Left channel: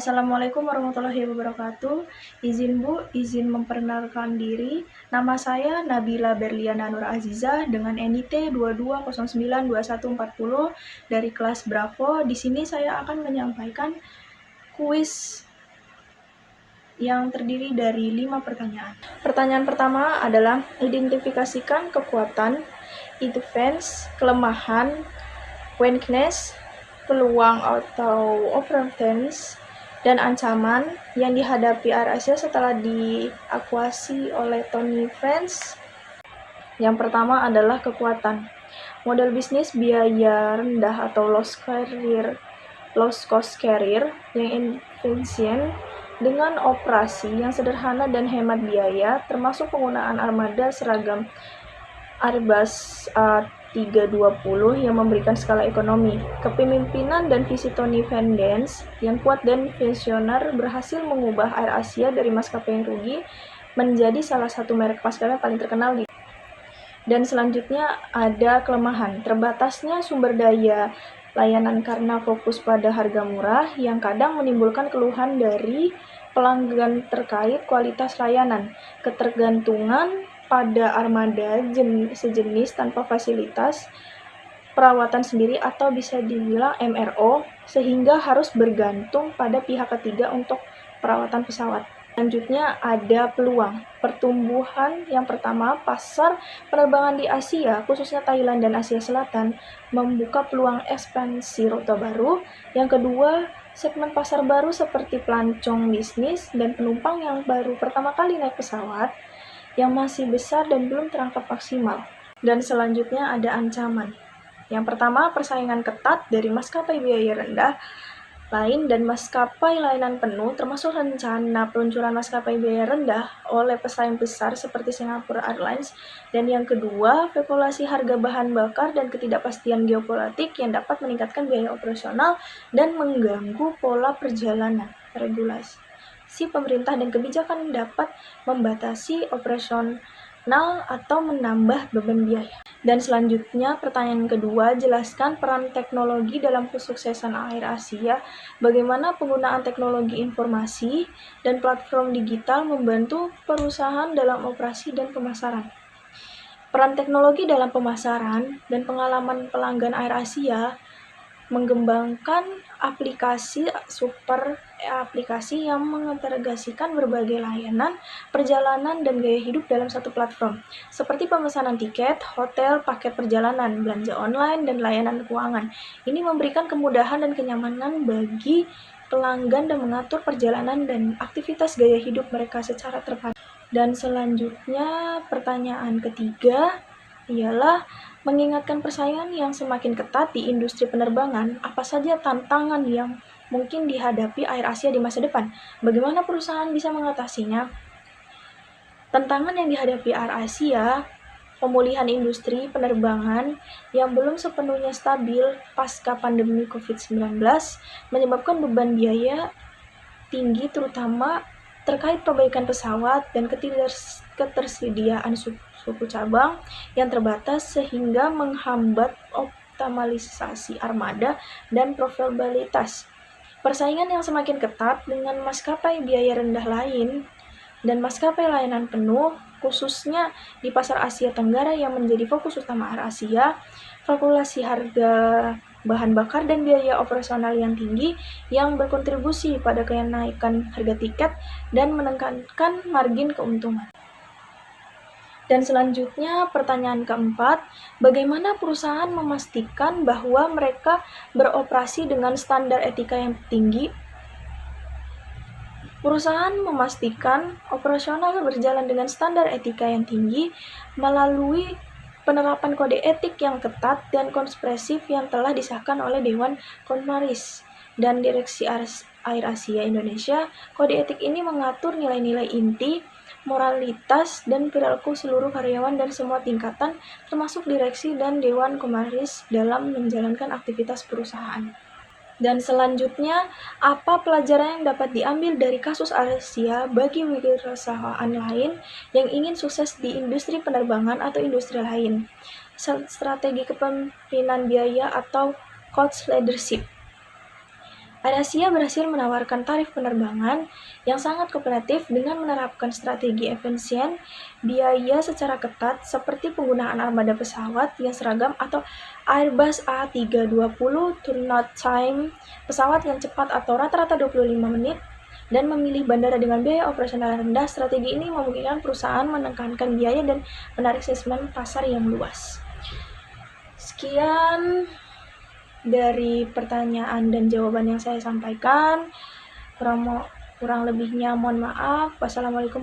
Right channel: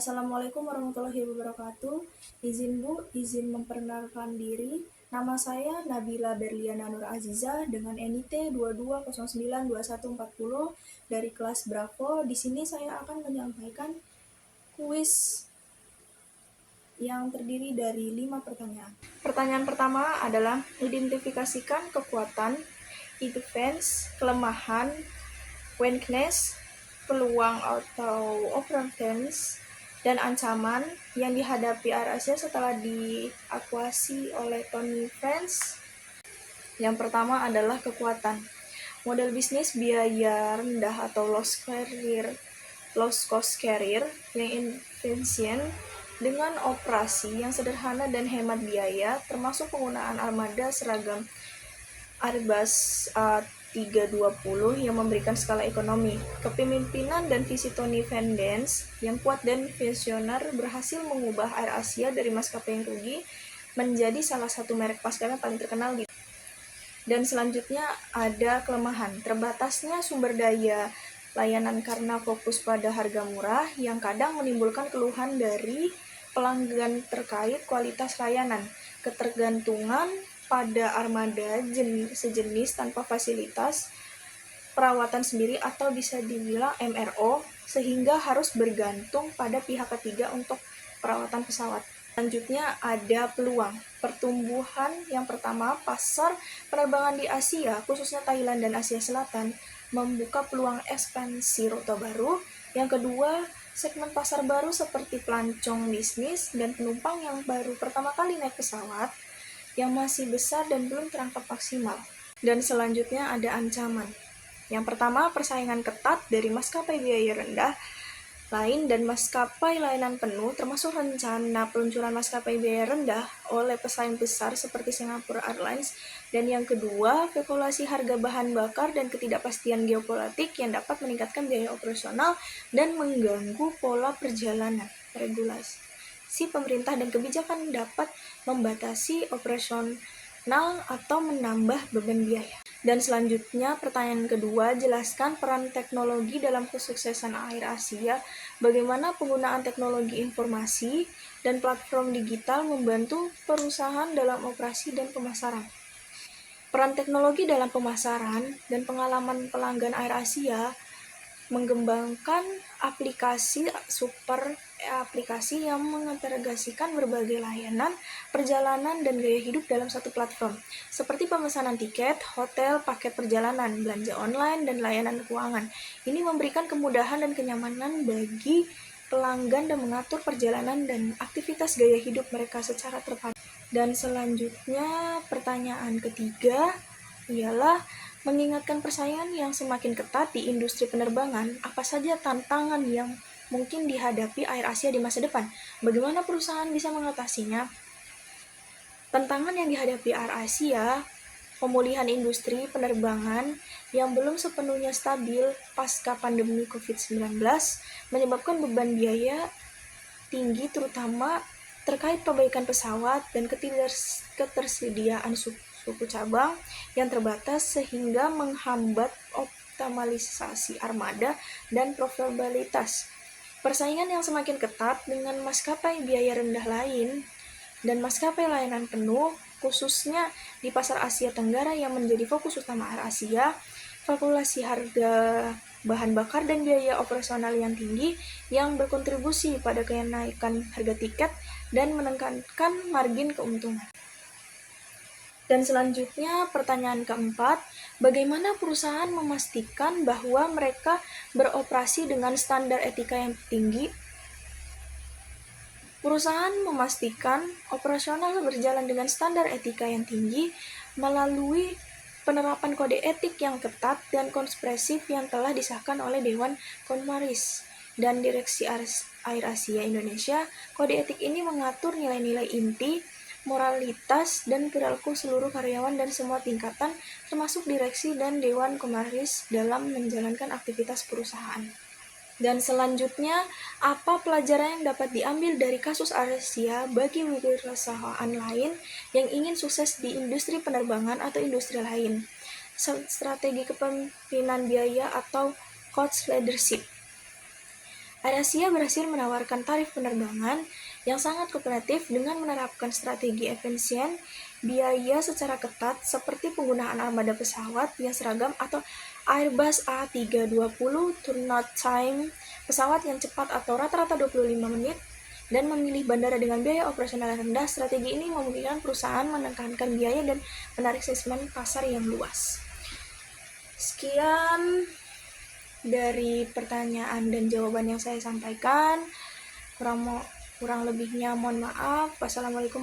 Assalamualaikum warahmatullahi wabarakatuh. Izin memperkenalkan diri. Nama saya Nabila Berliana Nur Aziza dengan NIT 22092140 dari kelas Bravo. Di sini saya akan menyampaikan kuis yang terdiri dari 5 pertanyaan. Pertanyaan pertama adalah identifikasikan kekuatan, defense, kelemahan, weakness, peluang atau opportunities, dan ancaman yang dihadapi Air Asia setelah diakuasi oleh Tony Friends. Yang pertama adalah kekuatan. Model bisnis biaya rendah atau low cost carrier yang efisien dengan operasi yang sederhana dan hemat biaya, termasuk penggunaan armada seragam Airbus A320 yang memberikan skala ekonomi. Kepemimpinan dan visi Tony Van Dance yang kuat dan visioner berhasil mengubah Air Asia dari maskapai yang rugi menjadi salah satu merek maskapai paling terkenal di. Dan selanjutnya ada kelemahan, terbatasnya sumber daya layanan karena fokus pada harga murah yang kadang menimbulkan keluhan dari pelanggan terkait kualitas layanan, ketergantungan pada armada sejenis tanpa fasilitas perawatan sendiri atau bisa dibilang MRO, sehingga harus bergantung pada pihak ketiga untuk perawatan pesawat. Selanjutnya ada peluang pertumbuhan. Yang pertama, pasar penerbangan di Asia, khususnya Thailand dan Asia Selatan, membuka peluang ekspansi rute baru. Yang kedua, segmen pasar baru seperti pelancong bisnis dan penumpang yang baru pertama kali naik pesawat yang masih besar dan belum terangkat maksimal. Dan selanjutnya ada ancaman. Yang pertama, persaingan ketat dari maskapai biaya rendah lain dan maskapai layanan penuh, termasuk rencana peluncuran maskapai biaya rendah oleh pesaing besar seperti Singapore Airlines. Dan yang kedua, spekulasi harga bahan bakar dan ketidakpastian geopolitik yang dapat meningkatkan biaya operasional dan mengganggu pola perjalanan. Regulasi si pemerintah dan kebijakan dapat membatasi operasional atau menambah beban biaya. Dan selanjutnya, pertanyaan kedua, jelaskan peran teknologi dalam kesuksesan Air Asia. Bagaimana penggunaan teknologi informasi dan platform digital membantu perusahaan dalam operasi dan pemasaran. Peran teknologi dalam pemasaran dan pengalaman pelanggan Air Asia mengembangkan aplikasi yang mengintegrasikan berbagai layanan, perjalanan, dan gaya hidup dalam satu platform, seperti pemesanan tiket, hotel, paket perjalanan, belanja online, dan layanan keuangan. Ini memberikan kemudahan dan kenyamanan bagi pelanggan dan mengatur perjalanan dan aktivitas gaya hidup mereka secara terpadu. Dan selanjutnya, pertanyaan ketiga ialah mengingatkan persaingan yang semakin ketat di industri penerbangan, apa saja tantangan yang mungkin dihadapi Air Asia di masa depan? Bagaimana perusahaan bisa mengatasinya? Tantangan yang dihadapi Air Asia, pemulihan industri penerbangan yang belum sepenuhnya stabil pasca pandemi COVID-19 menyebabkan beban biaya tinggi terutama terkait perbaikan pesawat dan ketersediaan suku cabang yang terbatas sehingga menghambat optimalisasi armada dan profitabilitas. Persaingan yang semakin ketat dengan maskapai biaya rendah lain dan maskapai layanan penuh, khususnya di pasar Asia Tenggara yang menjadi fokus utama Air Asia, kalkulasi harga bahan bakar dan biaya operasional yang tinggi yang berkontribusi pada kenaikan harga tiket dan menekankan margin keuntungan. Dan selanjutnya, pertanyaan keempat, bagaimana perusahaan memastikan bahwa mereka beroperasi dengan standar etika yang tinggi? Perusahaan memastikan operasional berjalan dengan standar etika yang tinggi melalui penerapan kode etik yang ketat dan komprehensif yang telah disahkan oleh Dewan Komisaris dan Direksi Air Asia Indonesia. Kode etik ini mengatur nilai-nilai inti, moralitas, dan perilaku seluruh karyawan dan semua tingkatan, termasuk direksi dan Dewan Komisaris dalam menjalankan aktivitas perusahaan. Dan selanjutnya, apa pelajaran yang dapat diambil dari kasus Air Asia bagi perusahaan lain yang ingin sukses di industri penerbangan atau industri lain? Strategi kepemimpinan biaya atau cost leadership. AirAsia berhasil menawarkan tarif penerbangan yang sangat kompetitif dengan menerapkan strategi efisien biaya secara ketat seperti penggunaan armada pesawat yang seragam atau Airbus A320 turn-out time, pesawat yang cepat atau rata-rata 25 menit, dan memilih bandara dengan biaya operasional rendah. Strategi ini memungkinkan perusahaan menekankan biaya dan menarik segmen pasar yang luas. Sekian dari pertanyaan dan jawaban yang saya sampaikan. Kurang lebihnya mohon maaf. Wassalamualaikum.